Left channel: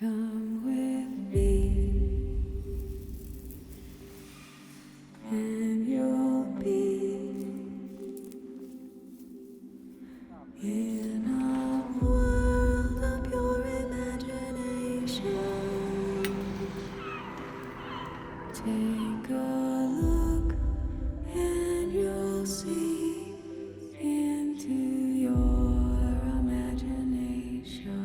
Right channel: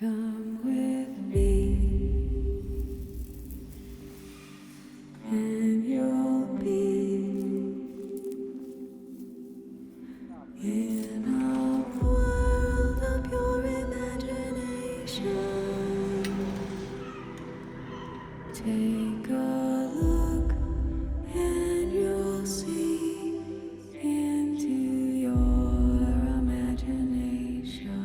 Come with me, and you'll be in a world of pure imagination. Take a look, and you'll see into your imagination.